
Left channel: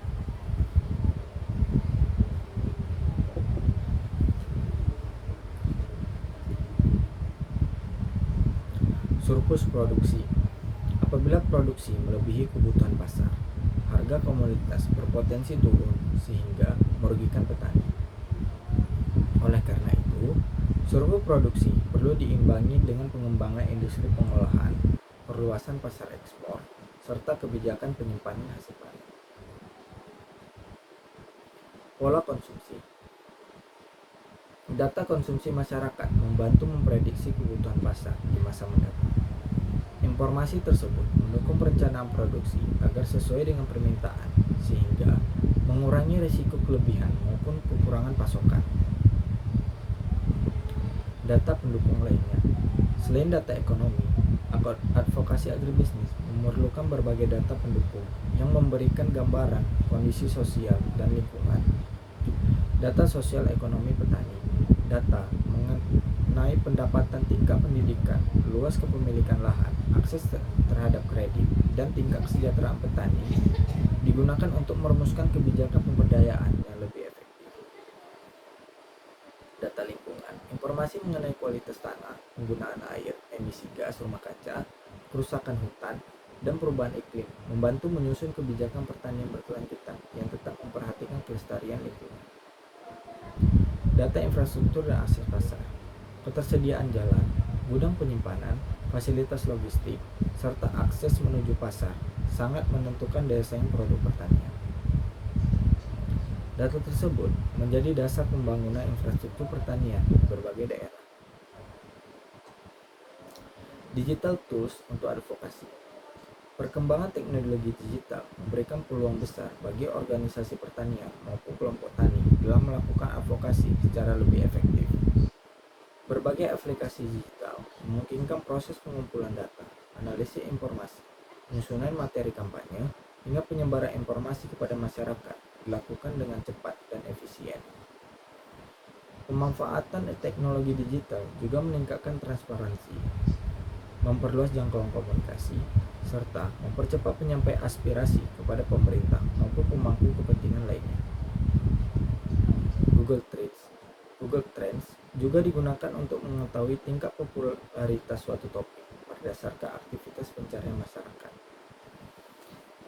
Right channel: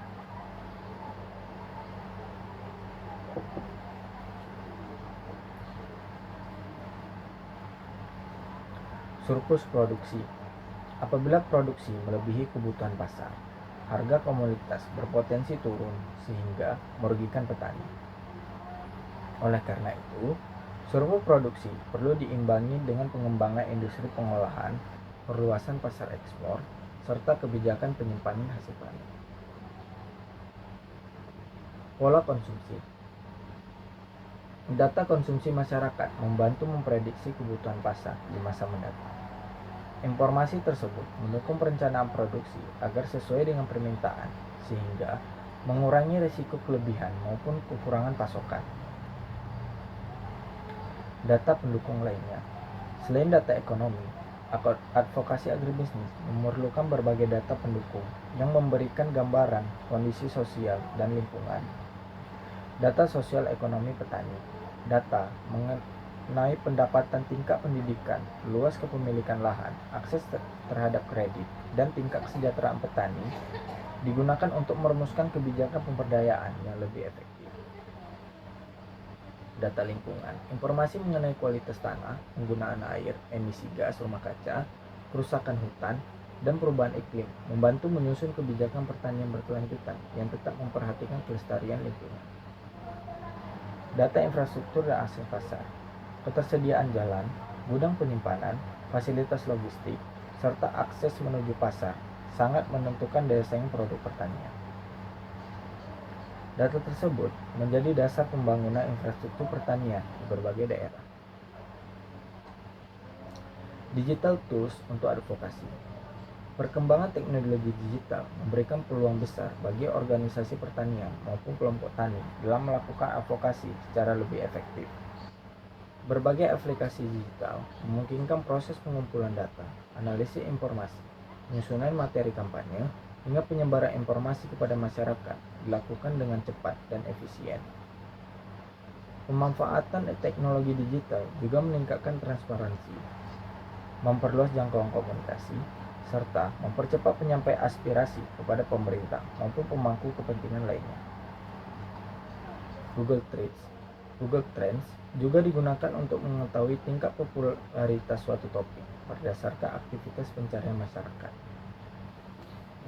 Surplus produksi. Apabila produksi melebihi kebutuhan pasar, harga komoditas berpotensi turun sehingga merugikan petani. Oleh karena itu, surplus produksi perlu diimbangi dengan pengembangan industri pengolahan, perluasan pasar ekspor, serta kebijakan penyimpanan hasil panen. Pola konsumsi. Data konsumsi masyarakat membantu memprediksi kebutuhan pasar di masa mendatang. Informasi tersebut mendukung perencanaan produksi agar sesuai dengan permintaan, sehingga mengurangi risiko kelebihan maupun kekurangan pasokan. Data pendukung lainnya. Selain data ekonomi, advokasi agribisnis memerlukan berbagai data pendukung yang memberikan gambaran kondisi sosial dan lingkungan. Data sosial ekonomi petani. Data mengenai pendapatan, tingkat pendidikan, luas kepemilikan lahan, akses terhadap kredit, dan tingkat kesejahteraan petani digunakan untuk merumuskan kebijakan pemberdayaan yang lebih efektif. Data lingkungan. Informasi mengenai kualitas tanah, penggunaan air, emisi gas rumah kaca, kerusakan hutan, dan perubahan iklim membantu menyusun kebijakan pertanian berkelanjutan yang tetap memperhatikan kelestarian lingkungan. Data infrastruktur dan akses pasar. Ketersediaan jalan, gudang penyimpanan, fasilitas logistik, serta akses menuju pasar sangat menentukan daya saing produk pertanian. Data tersebut menjadi dasar pembangunan infrastruktur pertanian di berbagai daerah. Digital tools untuk advokasi. Perkembangan teknologi digital memberikan peluang besar bagi organisasi pertanian maupun kelompok tani dalam melakukan advokasi secara lebih efektif. Berbagai aplikasi digital memungkinkan proses pengumpulan data, analisis informasi, penyusunan materi kampanye, hingga penyebaran informasi kepada masyarakat dilakukan dengan cepat dan efisien. Pemanfaatan teknologi digital juga meningkatkan transparansi, memperluas jangkauan komunikasi, serta mempercepat penyampaian aspirasi kepada pemerintah maupun pemangku kepentingan lainnya. Google Trends juga digunakan untuk mengetahui tingkat popularitas suatu topik berdasarkan aktivitas pencarian masyarakat.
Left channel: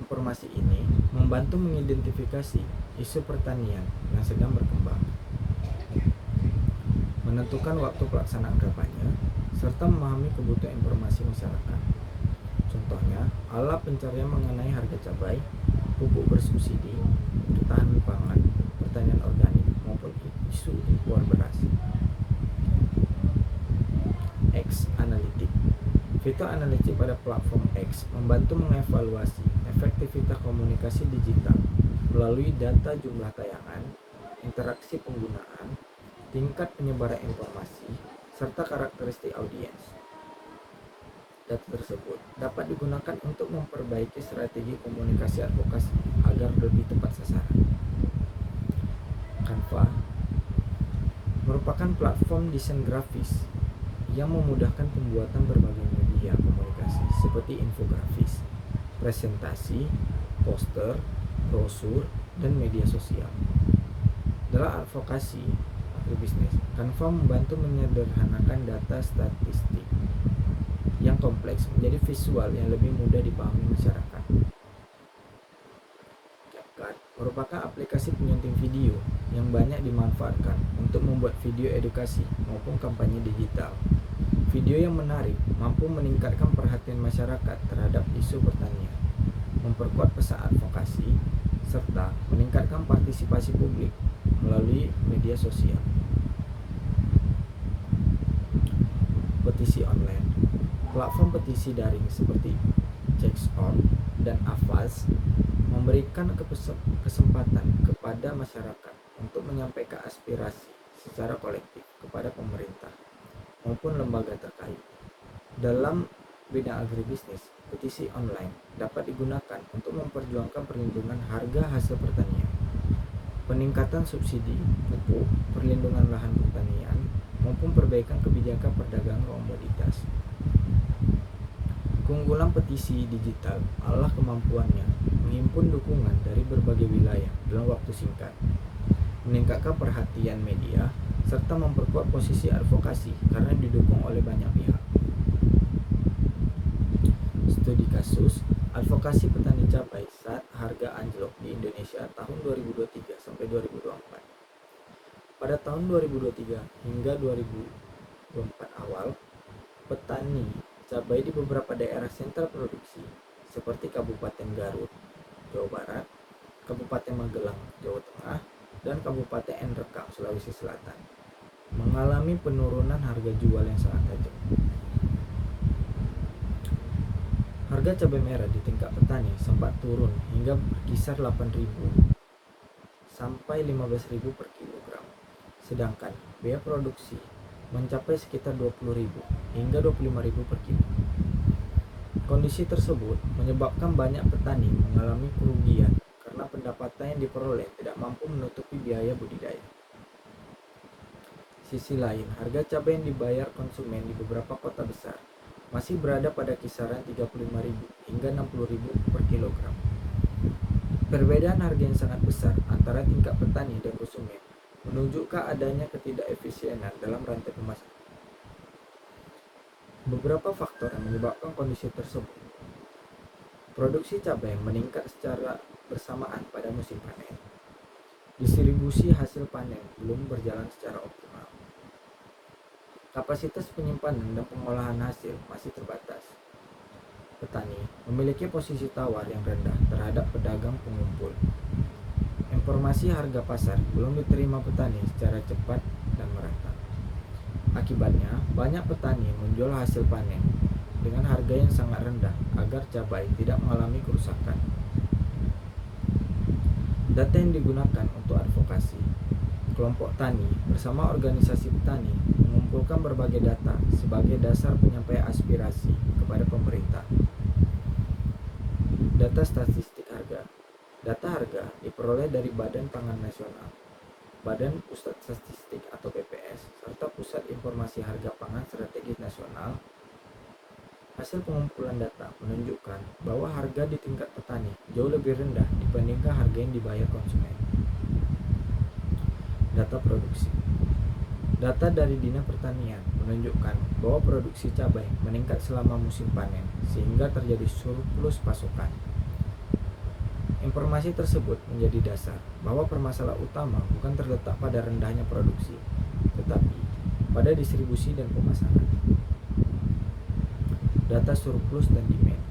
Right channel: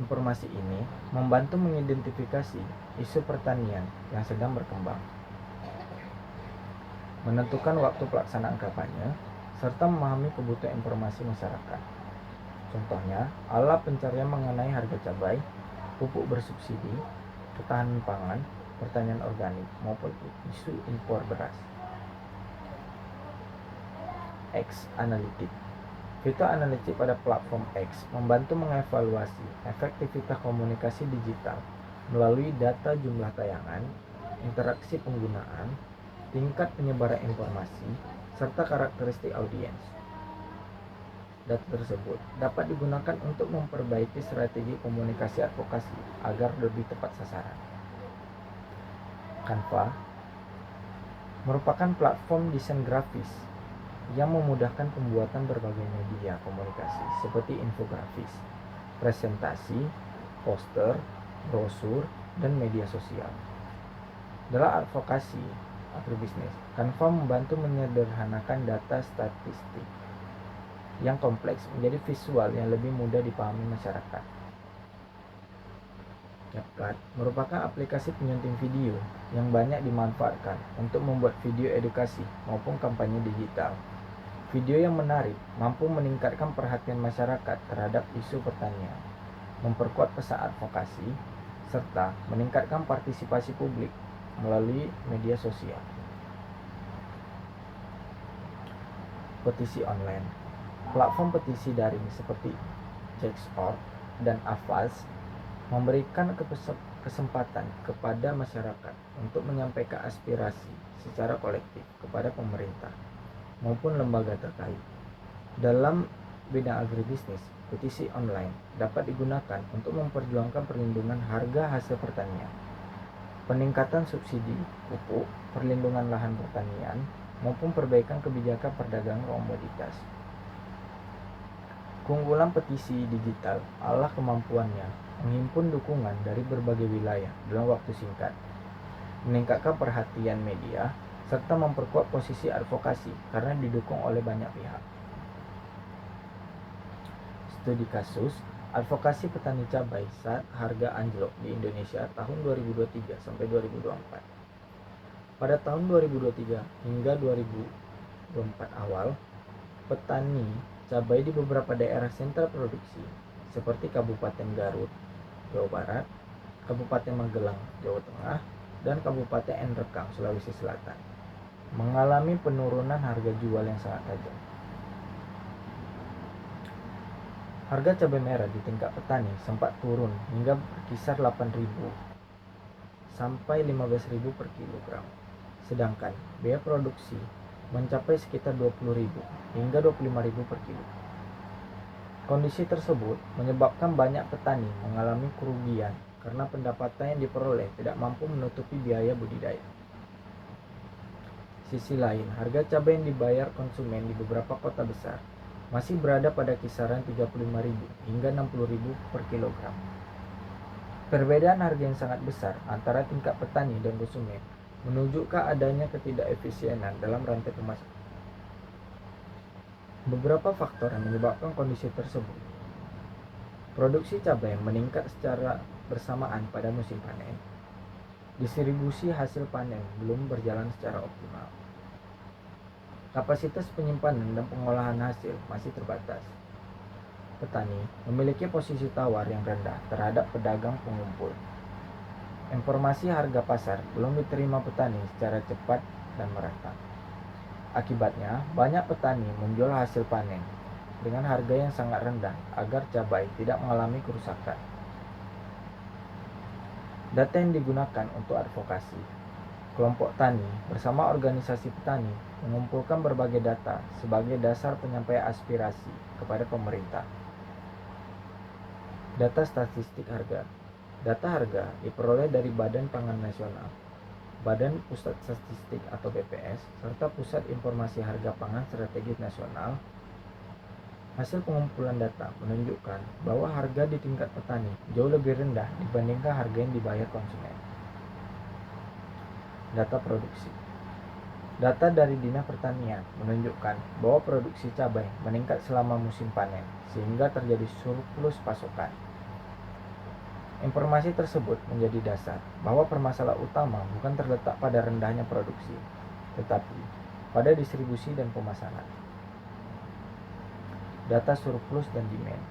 Informasi ini membantu mengidentifikasi isu pertanian yang sedang berkembang, menentukan waktu pelaksanaan kampanye, serta memahami kebutuhan informasi masyarakat. Contohnya, alat pencarian mengenai harga cabai, pupuk bersubsidi, ketahanan pangan, pertanian organik, maupun isu impor beras. X Analytics. Fitur analitik pada platform X membantu mengevaluasi efektivitas komunikasi digital melalui data jumlah tayangan, interaksi penggunaan, tingkat penyebaran informasi, serta karakteristik audiens. Data tersebut dapat digunakan untuk memperbaiki strategi komunikasi advokasi agar lebih tepat sasaran. Canva merupakan platform desain grafis yang memudahkan pembuatan berbagai media komunikasi seperti infografis, presentasi, poster, brosur, dan media sosial. Dalam advokasi agribisnis, Canva membantu menyederhanakan data statistik yang kompleks menjadi visual yang lebih mudah dipahami masyarakat. CapCut merupakan aplikasi penyunting video yang banyak dimanfaatkan untuk membuat video edukasi maupun kampanye digital. Video yang menarik mampu meningkatkan perhatian masyarakat terhadap isu pertanian, memperkuat pesan advokasi, serta meningkatkan partisipasi publik melalui media sosial. Petisi online. Platform petisi daring seperti Checkstop dan Avaz memberikan kesempatan kepada masyarakat untuk menyampaikan aspirasi secara kolektif kepada pemerintah maupun lembaga terkait. Dalam bidang agribisnis, petisi online dapat digunakan untuk memperjuangkan perlindungan harga hasil pertanian, peningkatan subsidi pupuk, perlindungan lahan pertanian, maupun perbaikan kebijakan perdagangan komoditas. Keunggulan petisi digital adalah kemampuannya menghimpun dukungan dari berbagai wilayah dalam waktu singkat, meningkatkan perhatian media, serta memperkuat posisi advokasi karena didukung oleh banyak pihak. Studi kasus advokasi petani cabai saat harga anjlok di Indonesia tahun 2023 sampai 2024. Pada tahun 2023 hingga 2024 awal, petani cabai di beberapa daerah sentra produksi seperti Kabupaten Garut, Jawa Barat, Kabupaten Magelang, Jawa Tengah, dan Kabupaten Enrekang, Sulawesi Selatan mengalami penurunan harga jual yang sangat tajam. Harga cabai merah di tingkat petani sempat turun hingga berkisar 8.000 sampai 15.000 per kilogram. Sedangkan biaya produksi mencapai sekitar 20.000 hingga 25.000 per kilo. Kondisi tersebut menyebabkan banyak petani mengalami kerugian karena pendapatan yang diperoleh tidak mampu menutupi biaya budidaya. Sisi lain, harga cabai yang dibayar konsumen di beberapa kota besar masih berada pada kisaran 35.000 hingga 60.000 per kilogram. Perbedaan harga yang sangat besar antara tingkat petani dan konsumen menunjukkan adanya ketidakefisienan dalam rantai pemasaran. Beberapa faktor yang menyebabkan kondisi tersebut. Produksi cabai meningkat secara bersamaan pada musim panen. Distribusi hasil panen belum berjalan secara optimal. Kapasitas penyimpanan dan pengolahan hasil masih terbatas. Petani memiliki posisi tawar yang rendah terhadap pedagang pengumpul. Informasi harga pasar belum diterima petani secara cepat dan merata. Akibatnya, banyak petani menjual hasil panen dengan harga yang sangat rendah agar cabai tidak mengalami kerusakan. Data yang digunakan untuk advokasi. Kelompok tani bersama organisasi petani mengumpulkan berbagai data sebagai dasar penyampaian aspirasi kepada pemerintah. Data statistik harga. Data harga diperoleh dari Badan Pangan Nasional, Badan Pusat Statistik atau BPS, serta Pusat Informasi Harga Pangan Strategis Nasional. Hasil pengumpulan data menunjukkan bahwa harga di tingkat petani jauh lebih rendah dibandingkan harga yang dibayar konsumen. Data produksi. Data dari Dinas Pertanian menunjukkan bahwa produksi cabai meningkat selama musim panen sehingga terjadi surplus pasokan. Informasi tersebut menjadi dasar bahwa permasalahan utama bukan terletak pada rendahnya produksi, tetapi pada distribusi dan pemasaran. Data surplus dan demand.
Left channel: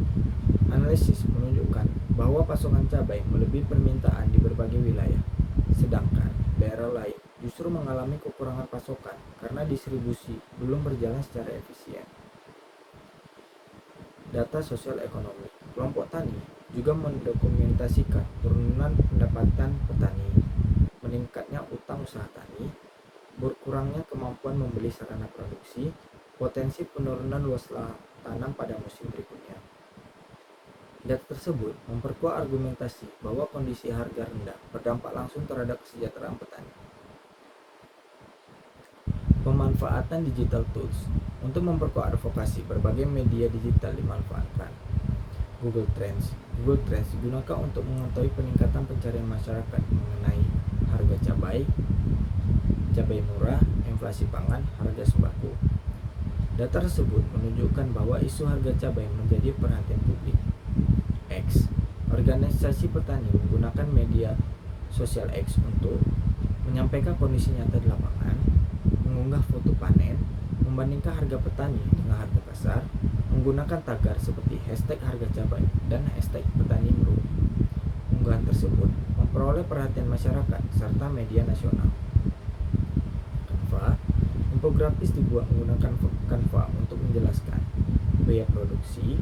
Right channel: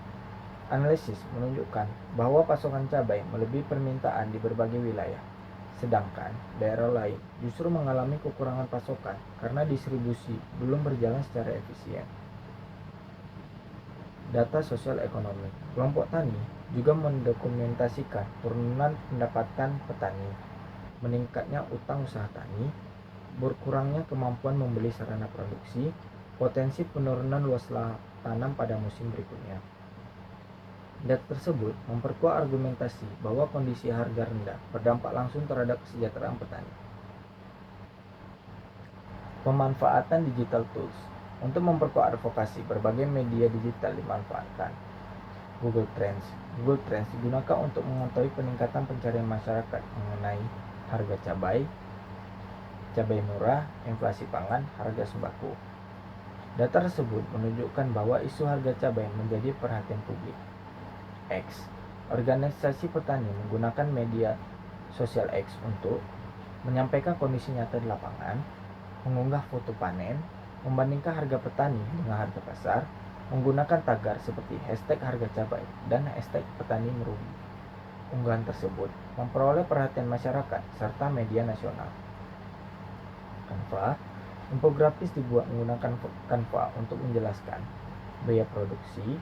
Analisis menunjukkan bahwa pasokan cabai melebihi permintaan di berbagai wilayah, sedangkan daerah lain justru mengalami kekurangan pasokan karena distribusi belum berjalan secara efisien. Data sosial ekonomi. Kelompok tani juga mendokumentasikan penurunan pendapatan petani, meningkatnya utang usaha tani, berkurangnya kemampuan membeli sarana produksi, potensi penurunan luas tanam pada musim berikutnya. Data tersebut memperkuat argumentasi bahwa kondisi harga rendah berdampak langsung terhadap kesejahteraan petani. Pemanfaatan digital tools. Untuk memperkuat advokasi, berbagai media digital dimanfaatkan. Google Trends. Google Trends digunakan untuk mengetahui peningkatan pencarian masyarakat mengenai harga cabai murah, inflasi pangan, harga sembako. Data tersebut menunjukkan bahwa isu harga cabai menjadi perhatian publik. X. Organisasi petani menggunakan media sosial X untuk menyampaikan kondisi nyata di lapangan, mengunggah foto panen, membandingkan harga petani dengan harga pasar, menggunakan tagar seperti hashtag harga cabai dan hashtag petani merugi. Unggahan tersebut memperoleh perhatian masyarakat serta media nasional. Canva. Infografis dibuat menggunakan Canva untuk menjelaskan biaya produksi,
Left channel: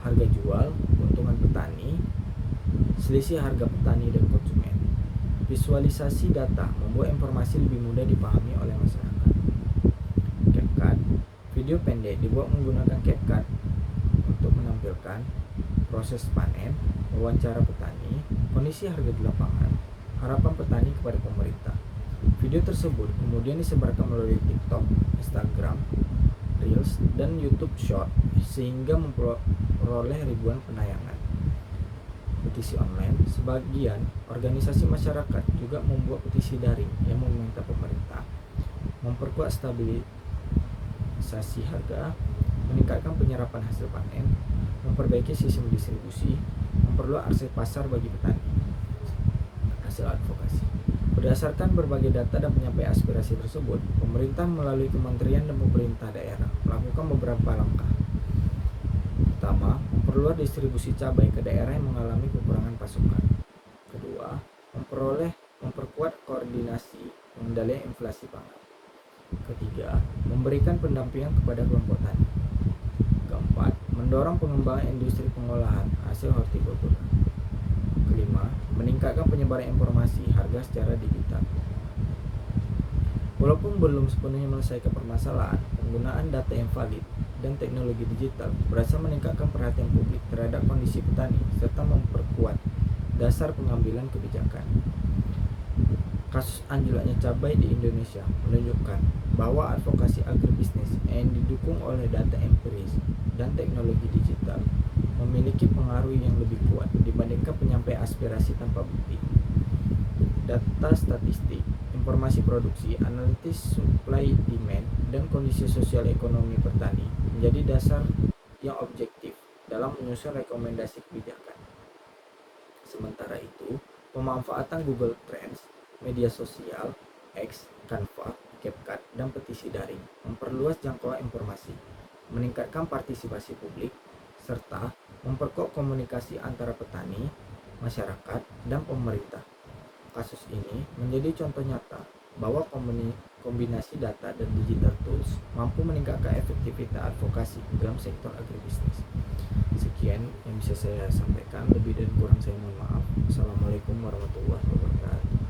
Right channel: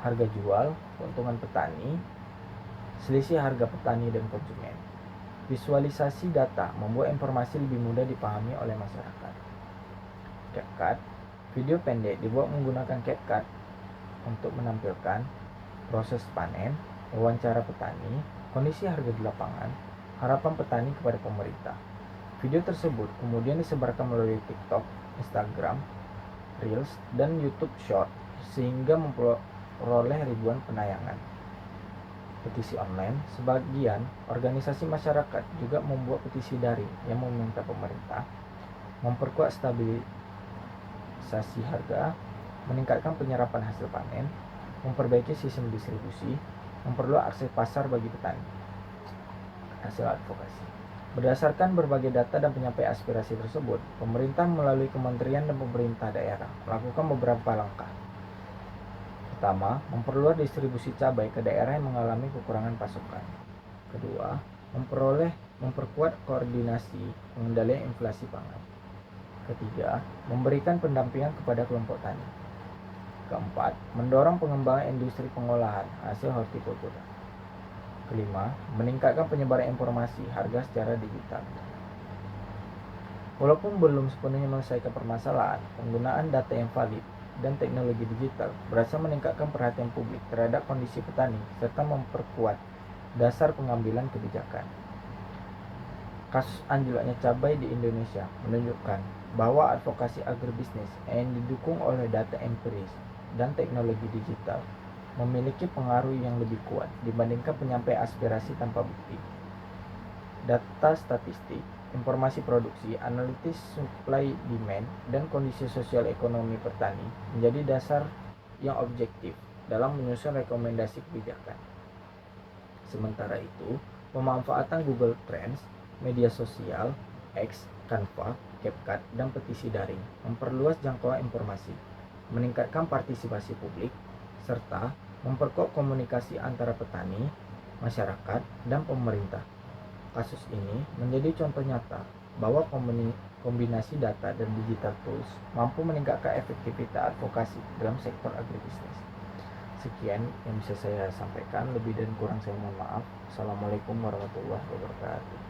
harga jual, keuntungan petani, selisih harga petani dan konsumen. Visualisasi data membuat informasi lebih mudah dipahami oleh masyarakat. CapCut. Video pendek dibuat menggunakan CapCut untuk menampilkan proses panen, wawancara petani, kondisi harga di lapangan, harapan petani kepada pemerintah. Video tersebut kemudian disebarkan melalui TikTok, Instagram, Reels, dan YouTube Short sehingga memperoleh ribuan penayangan. Petisi online. Sebagian organisasi masyarakat juga membuat petisi daring yang meminta pemerintah memperkuat stabilisasi harga, meningkatkan penyerapan hasil panen, memperbaiki sistem distribusi, memperluas akses pasar bagi petani. Hasil advokasi. Berdasarkan berbagai data dan penyampaian aspirasi tersebut, pemerintah melalui kementerian dan pemerintah daerah melakukan beberapa langkah. Pertama, memperluas distribusi cabai ke daerah yang mengalami kekurangan pasokan. Kedua, memperkuat koordinasi pengendalian inflasi pangan. Ketiga, memberikan pendampingan kepada kelompok tani. Keempat, mendorong pengembangan industri pengolahan hasil hortikultura. Kelima, meningkatkan penyebaran informasi harga secara digital. Walaupun belum sepenuhnya menyelesaikan permasalahan, penggunaan data yang valid dan teknologi digital berhasil meningkatkan perhatian publik terhadap kondisi petani serta memperkuat dasar pengambilan kebijakan. Kasus anjloknya cabai di Indonesia menunjukkan bahwa advokasi agribisnis yang didukung oleh data empiris dan teknologi digital memiliki pengaruh yang lebih kuat dibandingkan penyampaian aspirasi tanpa bukti. Data statistik, informasi produksi, analisis supply demand, dan kondisi sosial ekonomi petani menjadi dasar yang objektif dalam menyusun rekomendasi kebijakan. Sementara itu, pemanfaatan Google Trends, media sosial, X, Canva, CapCut, dan petisi daring memperluas jangkauan informasi, meningkatkan partisipasi publik, serta memperkuat komunikasi antara petani, masyarakat, dan pemerintah. Kasus ini menjadi contoh nyata bahwa kombinasi data dan digital tools mampu meningkatkan efektivitas advokasi dalam sektor agribisnis. Sekian yang bisa saya sampaikan, lebih dan kurang saya mohon maaf. Assalamualaikum warahmatullahi wabarakatuh.